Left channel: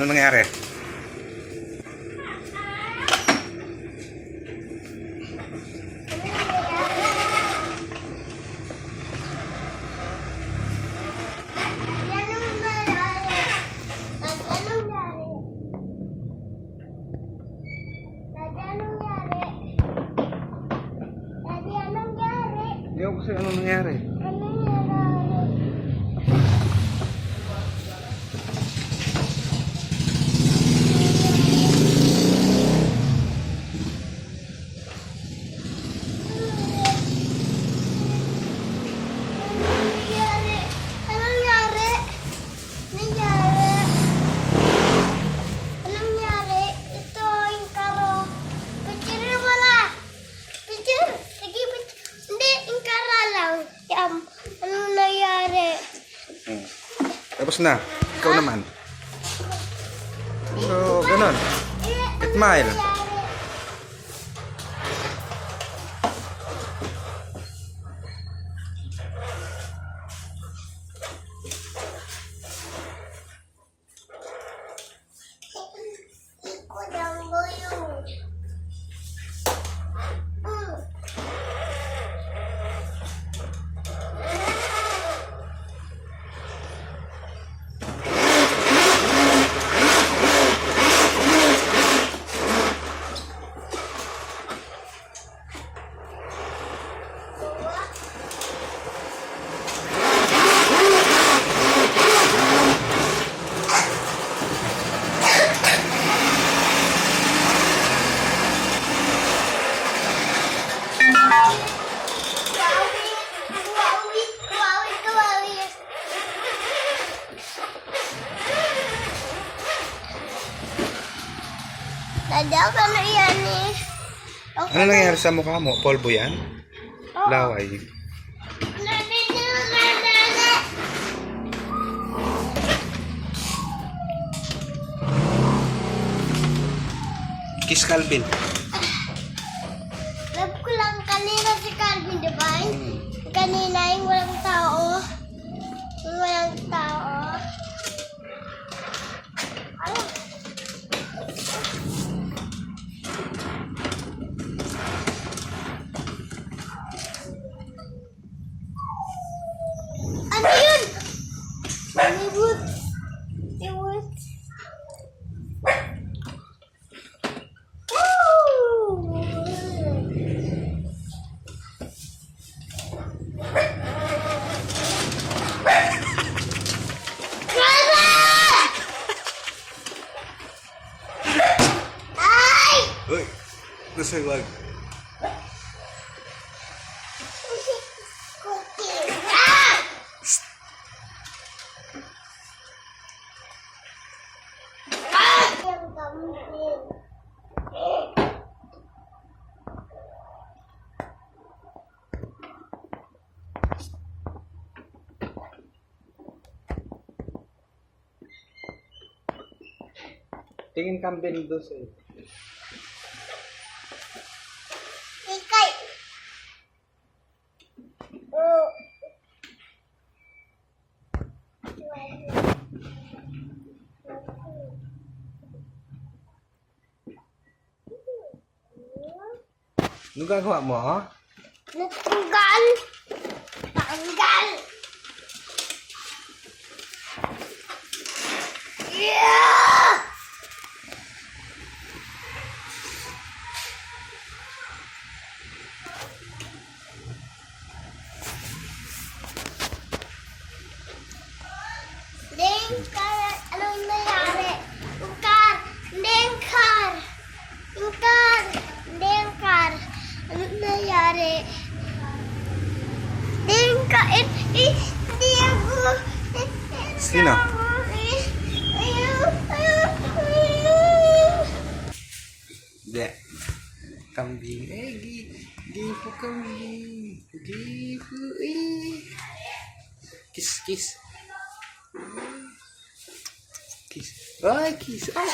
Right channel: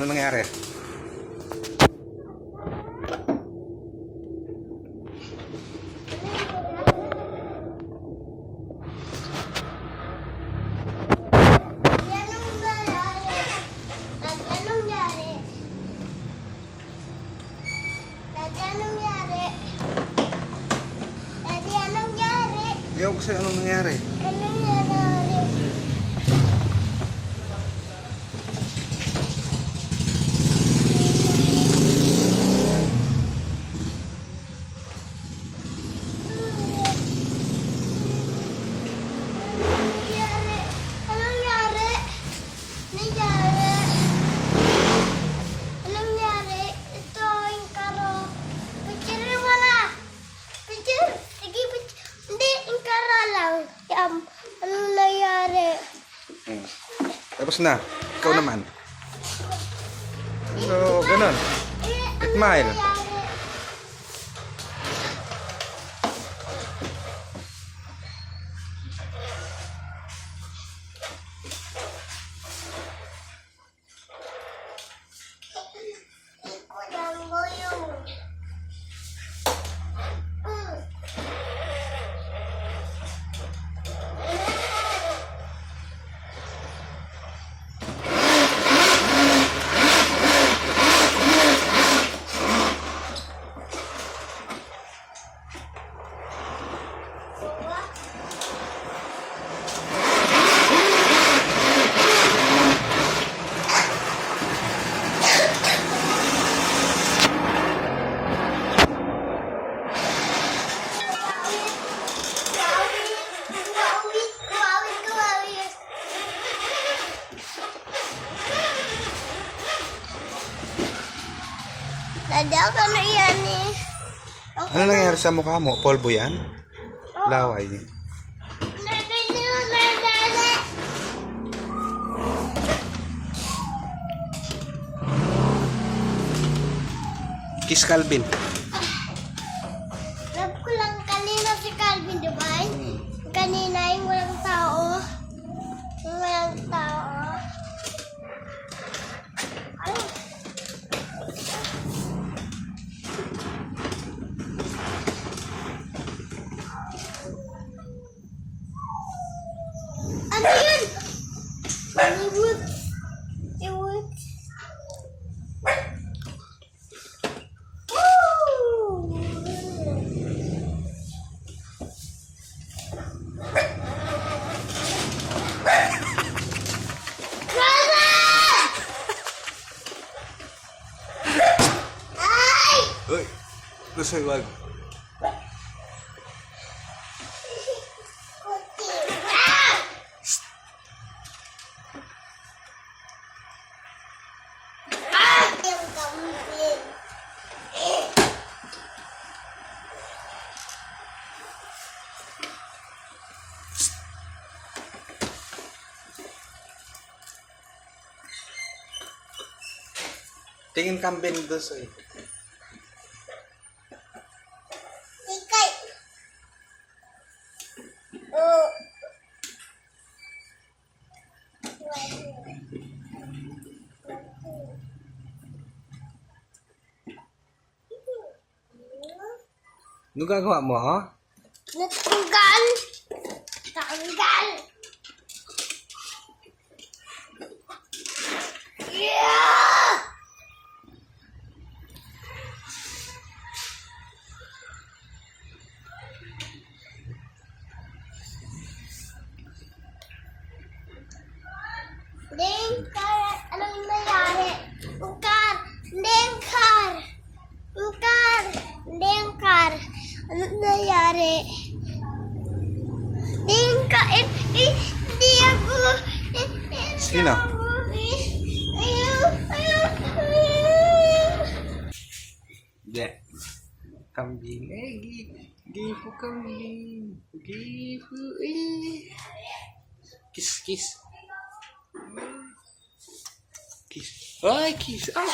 Ano nangyari? Ewan ko sa'yo anong nangyari. Anong nangyari? Tapos na. Ikaw naman. So, ganun. 8 mile. Nadal ka na yan eh. Ano nangyari sa mukha mo? Polvo yan? Laway. Kiss Calvin. Love ko lang kanina si Calvin, di ba? Kanina yung walang tao. Yung walang tao. Ay. Ano yun? Hollywood. Hollywood. Uy! Gusto wag. Tingin kambing doon sa'yo. Ikay. Oh. Ano gagawa mo, ha? Natanggal. Tanggal. Yeah! Dengkar, anong nangyari? Dengkar, dengkar, dengkar, dengkar, anong nangyari? Dengkar, hindi ako. Sino? Hindi. Kambing. Gipo kambing. Gipo. Kiss, kiss. Kiss. Ay, kiss. Ay.